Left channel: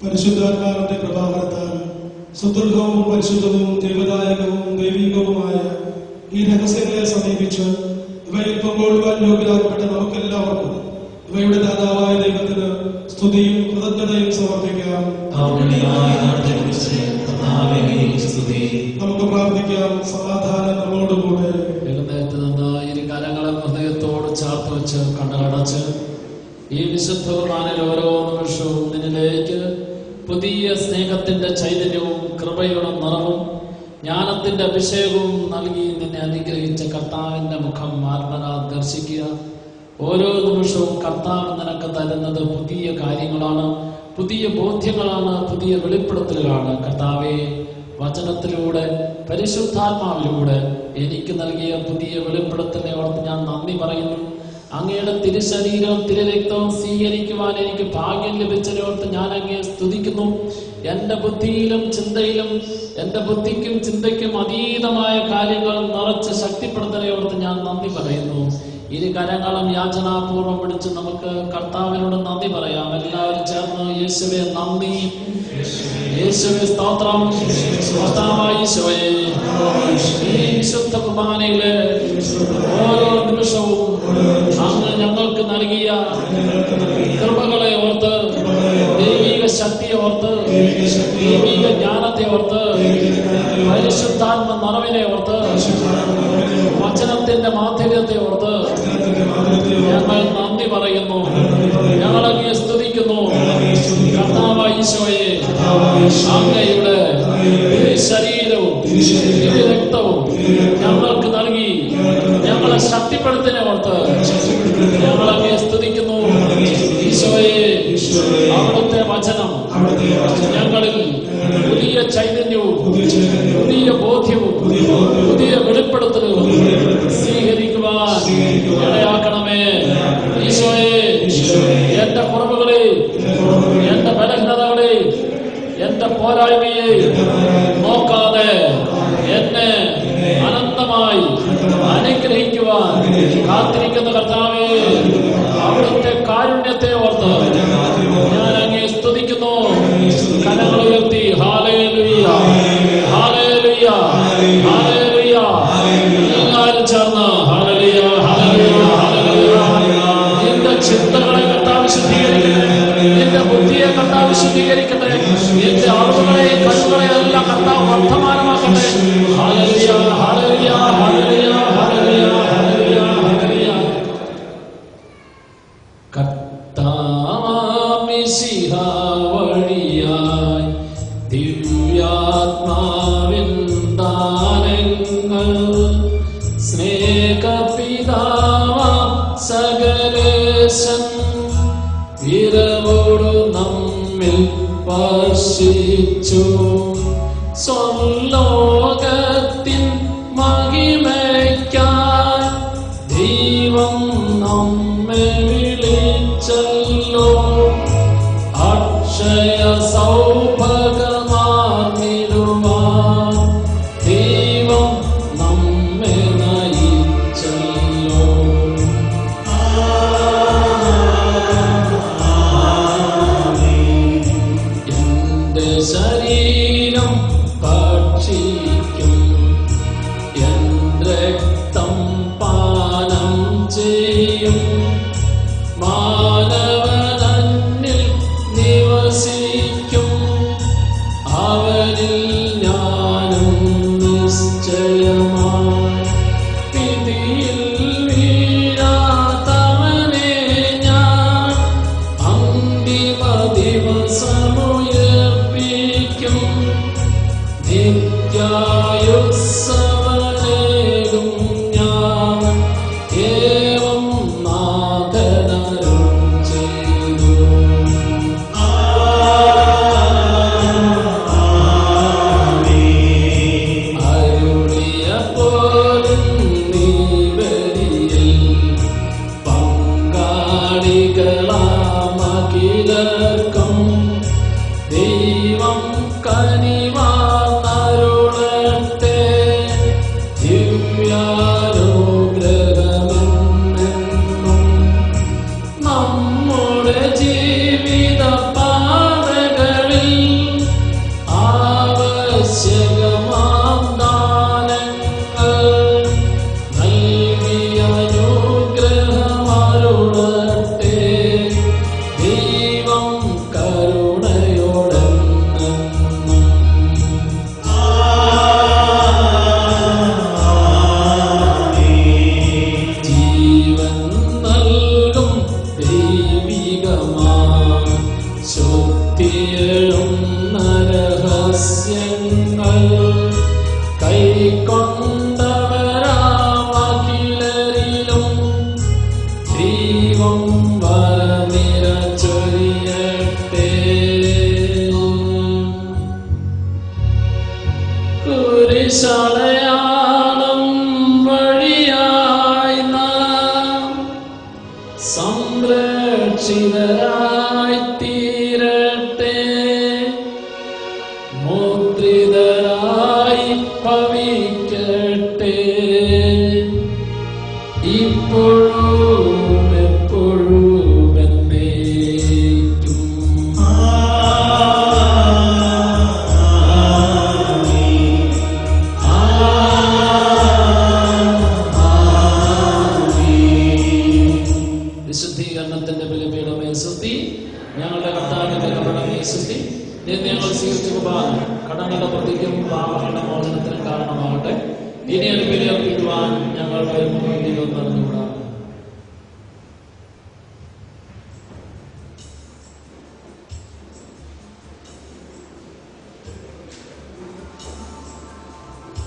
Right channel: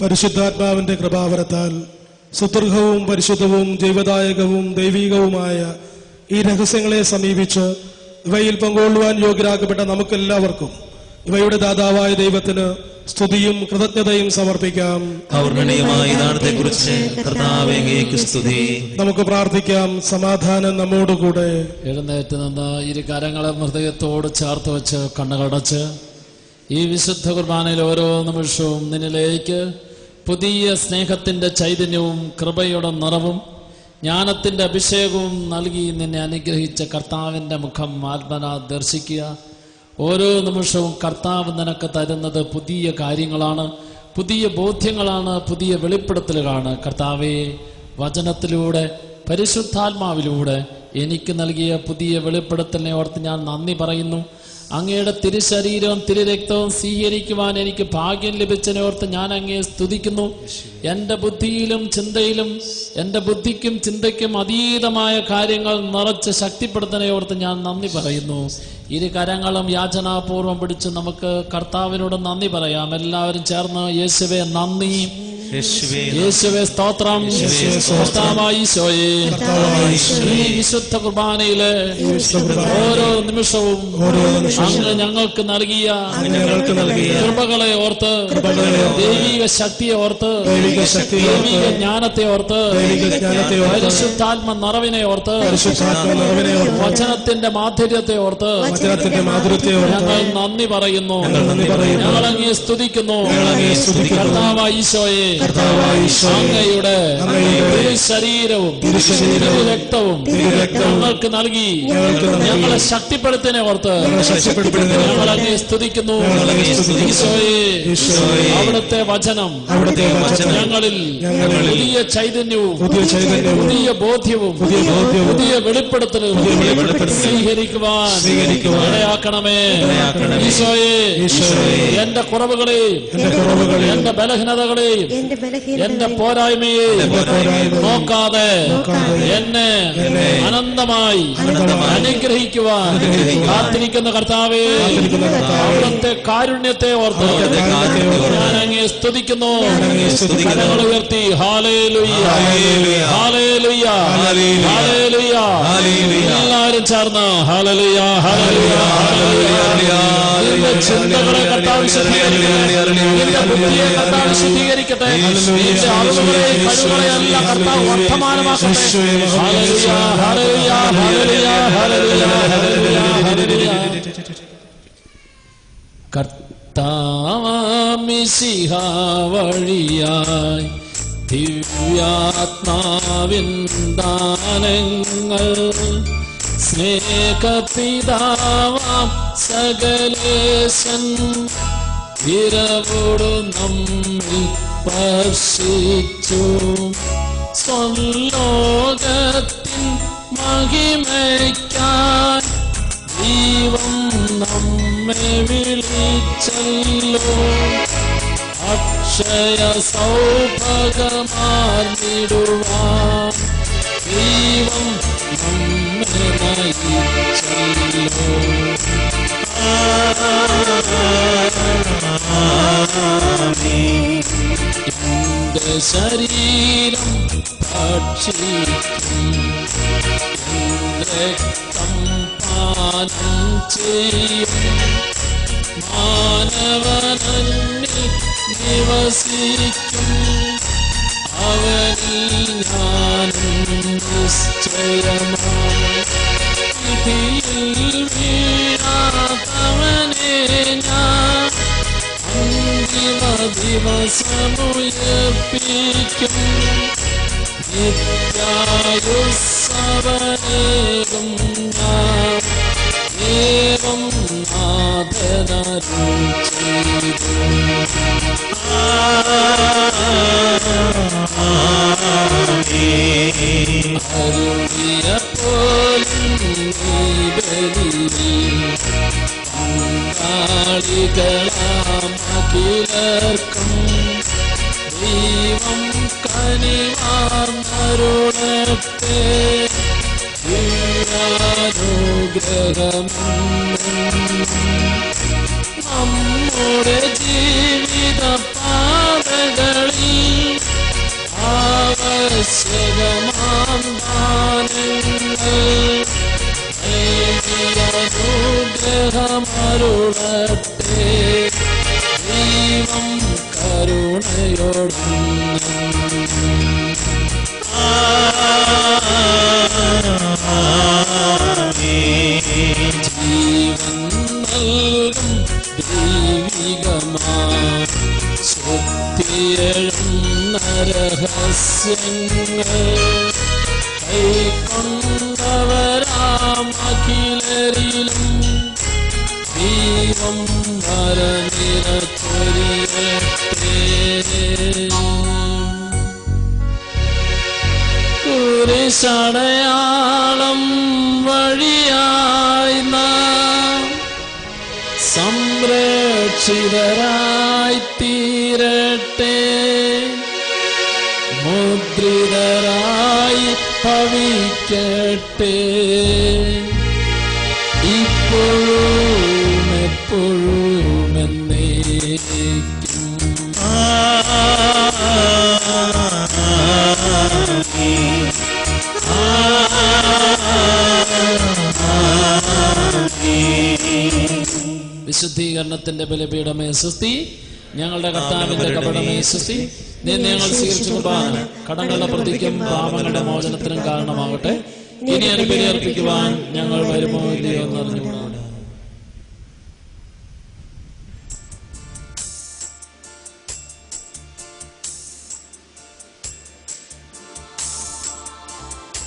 പരിശുദ്ധാത്മാവിന്റെ കൃപാവരത്താൽ സുദൃഢവും പരിശുദ്ധവും ജീവദായകവും ദൈവികവുമായ ഈ രഹസ്യങ്ങളെ സമീപിച്ച് ഇവയിൽ പങ്കുകൊള്ളുവാൻ യോഗ്യരാക്കപ്പെട്ട നമുക്കെല്ലാവർക്കും ഇവയുടെ ദാതാവായ ദൈവത്തിന് സ്തുതിയും കൃതജ്ഞതയും സമർപ്പിക്കാം. നമുക്ക് പ്രാർത്ഥിക്കാം. സമാധാനം നമ്മോടുകൂടെ. എഴുന്നേറ്റ് നിന്ന് ഇരു കരങ്ങളെ ഹൃദയത്തോട് ചേർത്ത് വെച്ച് കണ്ണുകടച്ച് ഈ വിശുദ്ധ കുർബാനയിൽ ഓരോ നിമിഷവും നിന്നിലേക്ക് പുതിയ സ്നേഹത്തിന്റെ ചൈതന്യവും കൃപയുടെ നിറവും ജ്ഞാനത്തിന്റെ അഭിഷേകവും നൽകി നിന്നെ അനുഗ്രഹിച്ച കർത്താവിന്റെ മുഖം ആത്മനാ ദർശിക്കുക. ഓരോ നിമിഷവും കർത്താവ് നിനക്ക് തരുന്നത് പുതിയ കാര്യങ്ങളാണ്, പുതിയ ബോധ്യങ്ങളാണ്, പുതിയ വെളിപ്പെടുത്തലുകളാണ്. കർത്താവെ, വചനത്തിലൂടെ പരിശുദ്ധാത്മാവിലൂടെ എനിക്ക് നൽകിയ പുതിയ വെളിപ്പെടുത്തലിനെ ഓർത്ത് ഞാൻ നന്ദി പറയുന്നു. അങ്ങയുടെ തിരുശരീരവും തിരുരക്തവും സ്വീകരിക്കുവാൻ എനിക്ക് ഭാഗ്യം ലഭിച്ചതിനെ ഓർത്ത് ഞാൻ അങ്ങയെ സ്തുതിക്കുന്നു. എൻ്റെ ബുദ്ധിയിലും ചിന്തയിലും എൻ്റെ ബുദ്ധിക്കും ചിന്തയ്ക്കും അതീതമായ കാര്യങ്ങൾ നിറച്ച് ശക്തിപ്പെടുത്തുന്നതിനെ ഓർത്ത് ഞാൻ നന്ദി പറയുന്നു. ഇരു കരങ്ങളും യാചനാപൂർവം പിടിച്ച് നമുക്ക് കർത്താവിനോട് നന്ദി പറയാം. എല്ലാവരും ചേർന്ന് യേശുവേ നന്ദി, യേശുവേ സ്തോത്രം, ഈശോയെ ഈ വിശുദ്ധ കുർബാനയിലെ ഓരോ നിമിഷവും അങ്ങ് ഞങ്ങൾക്ക് നൽകിയ കൃപകളെ ഓർത്ത്, ദൈവിക ശക്തിയെ ഓർത്ത്, ദൈവിക ജ്ഞാനത്തെ ഓർത്ത്, പരിശുദ്ധാത്മ നിറവിനെ ഓർത്ത്, വചനത്തിന്റെ മാധുര്യത്തെ ഓർത്ത് ഞങ്ങൾ നന്ദി പറയുന്നു. ഞങ്ങളങ്ങയെ സ്തുതിക്കുന്നു. കർത്താവായ ഈശോയെ, അങ്ങയുടെ ശരീരവും രക്തവും ഞങ്ങൾക്ക് നൽകി ഞങ്ങളെ ശക്തിപ്പെടുത്തിനെ ഓർത്ത് ഞങ്ങളങ്ങയെ സ്തുതിക്കുന്നു. ഈശോയെ, അവിടുത്തെ വചനം ഞങ്ങളിൽ പുതിയ ചൈതന്യവും പുതിയ ബോധ്യവും പുതിയ വെളിപ്പെടുത്തലും സ്വീകരിക്കുവാൻ ഇടയാക്കണമേ. ഈശോയെ, എന്റെ കുറവുകളെ, എന്റെ ബലഹീനതകളെ, എന്റെ പോരായ്മയെ നോക്കാതെ എന്നെ അനന്തമായി അനുഗ്രഹിക്കുവാൻ കാത്തിരിക്കുന്ന കർത്താവേ, അവിടുത്തെ കാരുണ്യത്തെ ഓർത്ത് ഞാൻ അങ്ങയെ സ്തുതിക്കുന്നു. കരങ്ങൾ ഉയർത്തി ഹല്ലേലൂയ, ഹല്ലേലൂയ, ഹല്ലേലൂയ. എല്ലാവരും ചേർന്ന് ഹല്ലേലൂയ, ഹല്ലേലൂയ, ഹല്ലേലൂയ. നിന്റെ ചിന്തകളെ കർത്താവ് ശുദ്ധീകരിക്കട്ടെ, നിന്റെ ബുദ്ധിയെ കർത്താവ് ശുദ്ധീകരിക്കട്ടെ, നിന്റെ ആളുകളെ എല്ലാം കർത്താവ് വർത്തമാനമാക്കട്ടെ. ഹല്ലേലൂയ, ഹല്ലേലൂയ, ഹല്ലേലൂയ, ഹല്ലേലൂയ, ഹല്ലേലൂയ, ഹല്ലേലൂയ. ഹല്ലേലൂയ, ഹല്ലേലൂയ, ഹല്ലേലൂയ, ഹല്ലേലൂയ, ഹല്ലേലൂയ, ഹല്ലേലൂയ, ഹല്ലേലൂയ, ഹല്ലേലൂയ, ഹല്ലേലൂയ, ഹല്ലേലൂയ, ഹല്ലേലൂയ, ഹല്ലേലൂയ, ഹല്ലേലൂയ, ഹല്ലേലൂയ, ഹല്ലേലൂയ, ഹല്ലേലൂയ, ഹല്ലേലൂയ, ഹല്ലേലൂയ, ഹല്ലേലൂയ. കർത്താവാമിശിഹ വഴിയായി ദിവ്യാത്മാവിൻ ദാനങ്ങൾ സ്നേഹപിതാവാം സകലേശൻ വിരവോട് നമ്മിൽ സ്പർശിച്ചു. സ്വർലോകത്തിൻ മഹിമയ്ക്കായി ദൈവം നമ്മെ വിളിച്ചല്ലോ. അക്ഷയ സൗഭാഗ്യമാർന്നിടുവാൻ ദൈവം നമ്മെ നയിച്ചല്ലോ. എന്റെ ശരീരം ഭക്ഷിക്കും, എന്റെ രക്തം പാനം ചെയ്യും. മാനവനന്നിൽ നിവസിക്കും, അവനിൽ ഞാനും നിശ്ചയമായി. പിടിയിൽ വീഴാത്തവനെ ഞാൻ അന്തിമ ദിവസമുയർപ്പിക്കും. നിത്യായുസ്സവനേകും ഞാൻ ഏവം നാഥനരുൾ ചെയ്തു. അരുളിയപ്പോഴും നീ പങ്കാളികളാമഖിലർക്കും ദൈവം കനിവാനരുളട്ടെ. ദിവ്യാനുഗ്രഹമെന്നും നമ്മുടെ ജീവിത പാതകളിൽ ആവശ്യകമാം ദാനങ്ങൾ നൽകിയ അനുഗ്രഹമരുളട്ടെ. ദൈവം കരുണയോടെ ജീവൻ നൽകും ദൈവികമായ ശ്രുതിയെഴുന്ന രഹസ്യങ്ങൾ കൈക്കൊണ്ടവരാമഖിലരിലും ദൈവം വരനിറച്ചൊരിയട്ടെ. കുരിശടയാളം വഴിയായി നാം സംരക്ഷിതരായി തീരട്ടെ. മുദ്രിതരായി ഭവിക്കട്ടെ. ഇപ്പോഴും എപ്പോഴും എന്നേക്കും. വിശുദ്ധീകരണത്തിന്റെ ബലിപീഠമേ സ്തുതി. ഞങ്ങളുടെ കർത്താവിന്റെ കബറിടമേ സ്തുതി. നീ ഞങ്ങൾ സ്വീകരിച്ചെടുപ്പാൻ കടങ്ങളുടെ പ്രതിക്കും പാപങ്ങളുടെ മോചനത്തിനും കാരണമാകട്ടെ. ഇനി അനുബലി അർപ്പിക്കുവാൻ ഞങ്ങൾ വരുമോ എന്നറിഞ്ഞു.